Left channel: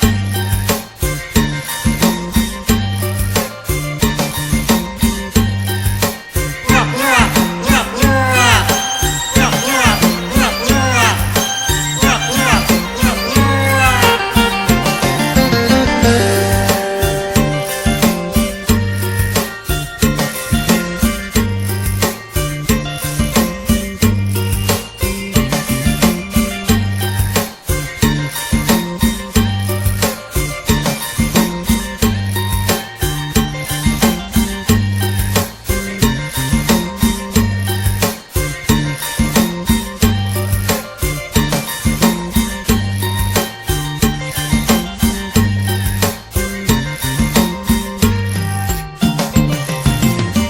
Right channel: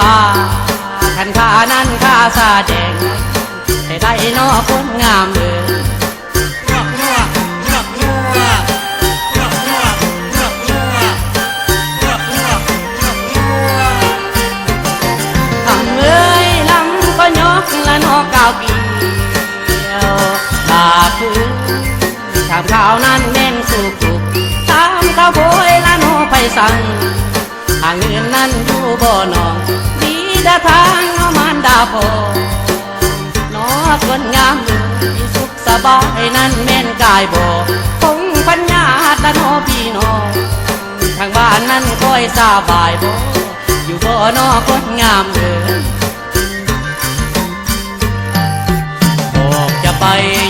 ป่าขันขานั้นข้าซาแดงให้ได้นอคนงามเลยข้าวนั้นเน้นสุกตามข้าวโพยละโนไปสั่งทางเงินนั้นอยู่บ่อนองมีดาทางเอามันดาพอนอคนงามสุขสบายนั้นแม่นกายบ่คงปัญญาตะโนพี่น้องทางบ้านนั้นคอยสบายบ่อยู่บ่อนอคนงาม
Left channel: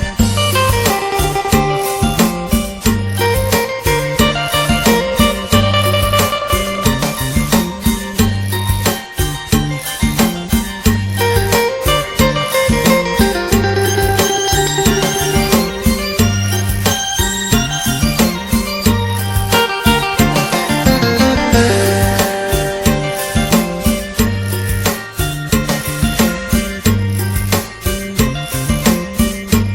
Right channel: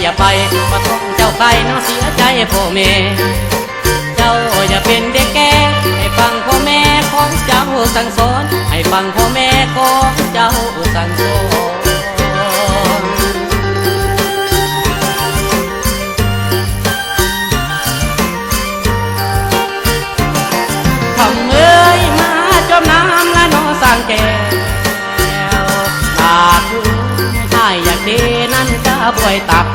อย่าไปมาต้องเจ้าไปน้องเสียใจพ่อแม่เจ้าอย่าเป็นเด็กแก่ให้ฟังพ่อแม่ของเจ้าสั่งสอนให้ฟังพ่อแม่ของเจ้าสั่งสอนเขาเอ้ยมาจมน้ำละน้องสั่งแก่ตาคือให้อยากดีนั้นจะบวยตัก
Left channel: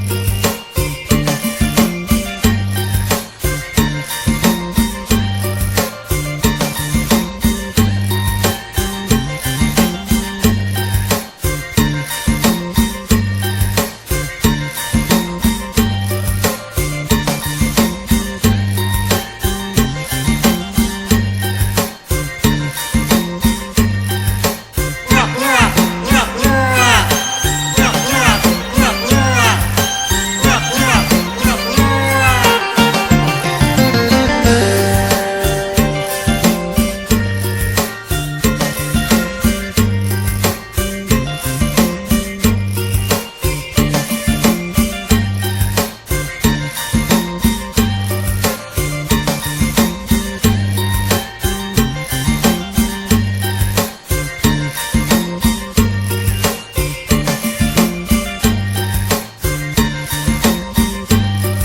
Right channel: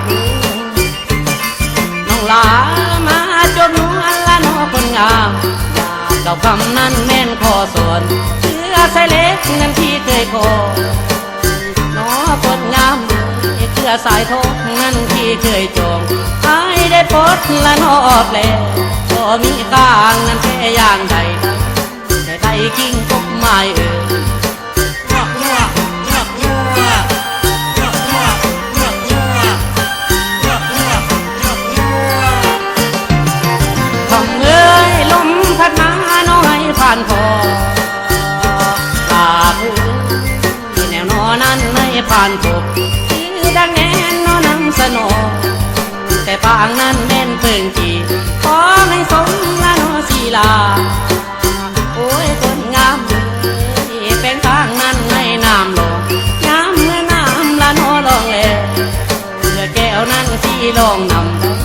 เก่าคำนั้นแม่นพอสอนเสื้อสายเล็กนั้นที่เคยคอน้อคนงามเสื้อสายทองนั้นที่เคยจองให้ได้พดละนอแปลก็มีกลางนั้นแค่ย่านใดได้กิ้งตกไม้ผ่านพบคือดังแน่นอนำสนอแต่ปางนั้นแม่นเพิ่งทีขอให้สมละนอศีลาโอ้ยคนงามเป็นปางนั้นในน้ำลงน้ำเมื่อน้ำละนอลองแลเมื่อแก้วนั้นที่ลองน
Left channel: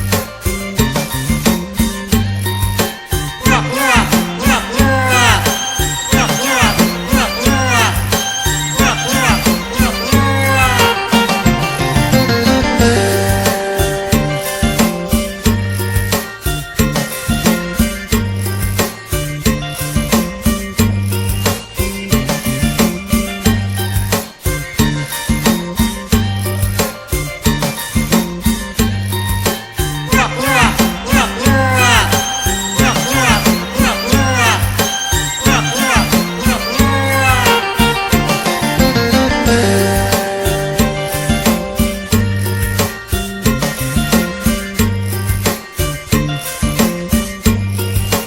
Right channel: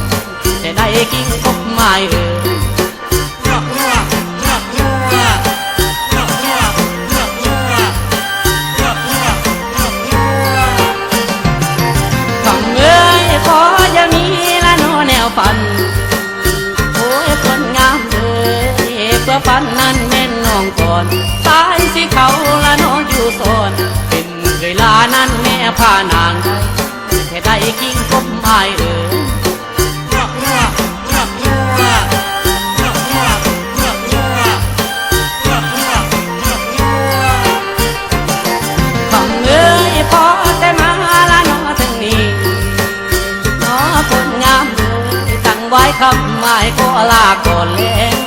ำจะได้กินพบไม้ฝันนั้นแม่นน้องก่อนตายสิเขาละน้องอยู่โซนเป็นเวลานั้นแม่พานางให้ได้กิ้งพบไม้ต้องเอ้ยพอแต่มาละน้องถึงนี้น้องคนงามตั้งไว้คำหมายก็ลาก่อนแล้ว